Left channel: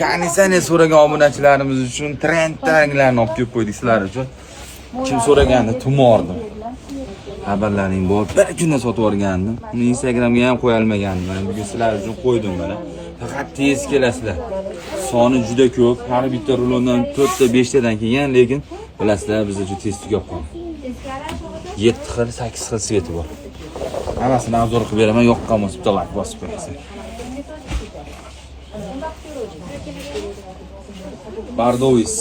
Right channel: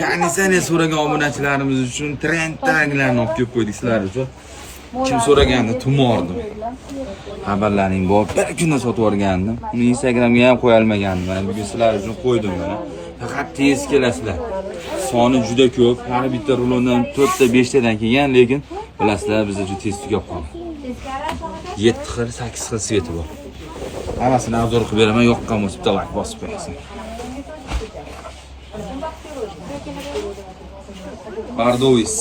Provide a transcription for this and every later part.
Konditsioner so'ragan obunachilarimiz uchun trendlarni olib kelib qo'ydik sizlar uchun. Kim so'raganda tumordim. Xabarlaring bor. Bir kunda sotib yuborgandim. Uni Instagramga ham qo'ya olmagandim. Mana bugun sizlar uchun qo'ydim mana. Faqat tez kelasizlar. Soni juda ko'p. Har bitta rulondan 4 ta 5 tadan kelgan, lekin bilasizlar biz uchun tez tugab qoldi. 7 xil, 8 xil sveti bor. Hammasini arzor qilib beraman, yoqqan bo'lsa bitta like bosib qo'yasiz. Bardois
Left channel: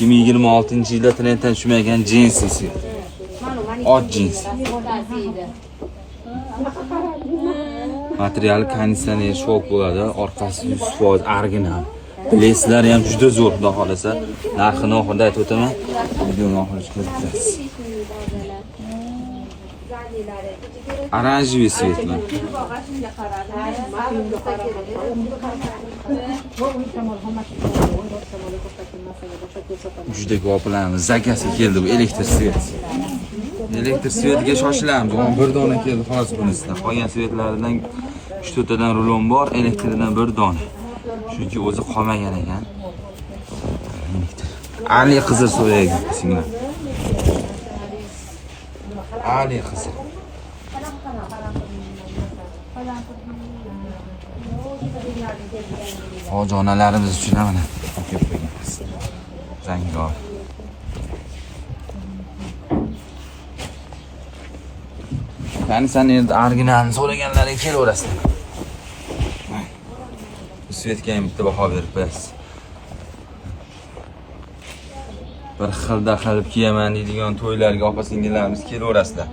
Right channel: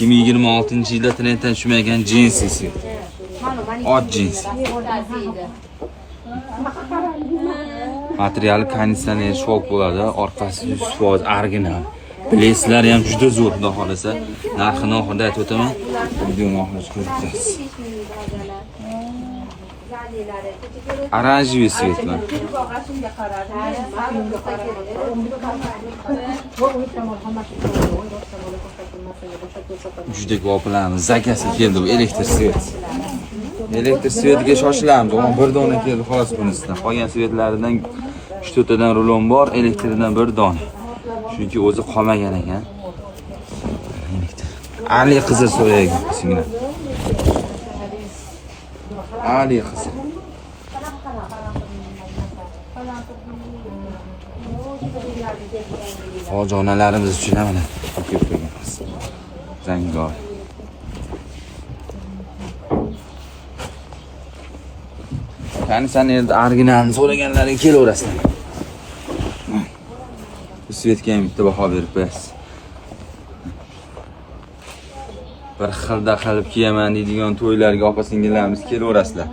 2026-yilda trenddan tushmagan jinsisi. Ot jins. Materiali konditsioner shok bo'ladi, orqasi 100% original. Bileysizlar ham juda zo'r, xudo xolasa. Narxini oxirida aytib o'taman. Videoni oxirigacha ko'rib turasiz. Oranjiy svetlar. Juda ko'plamiz. Zakasi keldi bu elektr svet. Elektr svetiga shoshilamiz. Ona bir dona keldi xolos bunisidan. Qolgan svetlaridan 3-4 tadan rulon bor, elektridan bir dona. Chunki o'zi qolmagan ekan. Ali qizil so'yaygan sizlar. Ali qizil. Ojonalarimiz uchun ham mana rangdor. Qani sen endi originalni so'raganlaring kelaverasizlar. Bu svetga ham bitta baho berib qo'yasiz. Bir xilda qilib kiyaman deydigan to'ylarga opa-singillarimiz kelaverasizlar.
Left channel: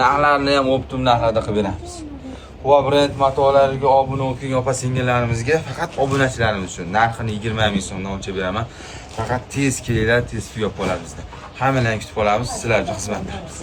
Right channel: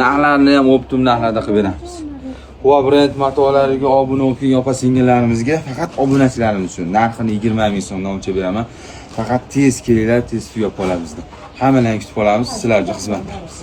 Narxlarni ham optim narxlarda qilib beramiz. Brend matolarga obuna bo'lgan opa-singillarimizga faqat obunachilarimiz uchun narxini 20 ming so'mdan o'lchab beraman. Faqat tez kelinglar, tez tugab qolamiz. Hammalarni kutib qolamiz, sizlar uchun xizmatdamiz.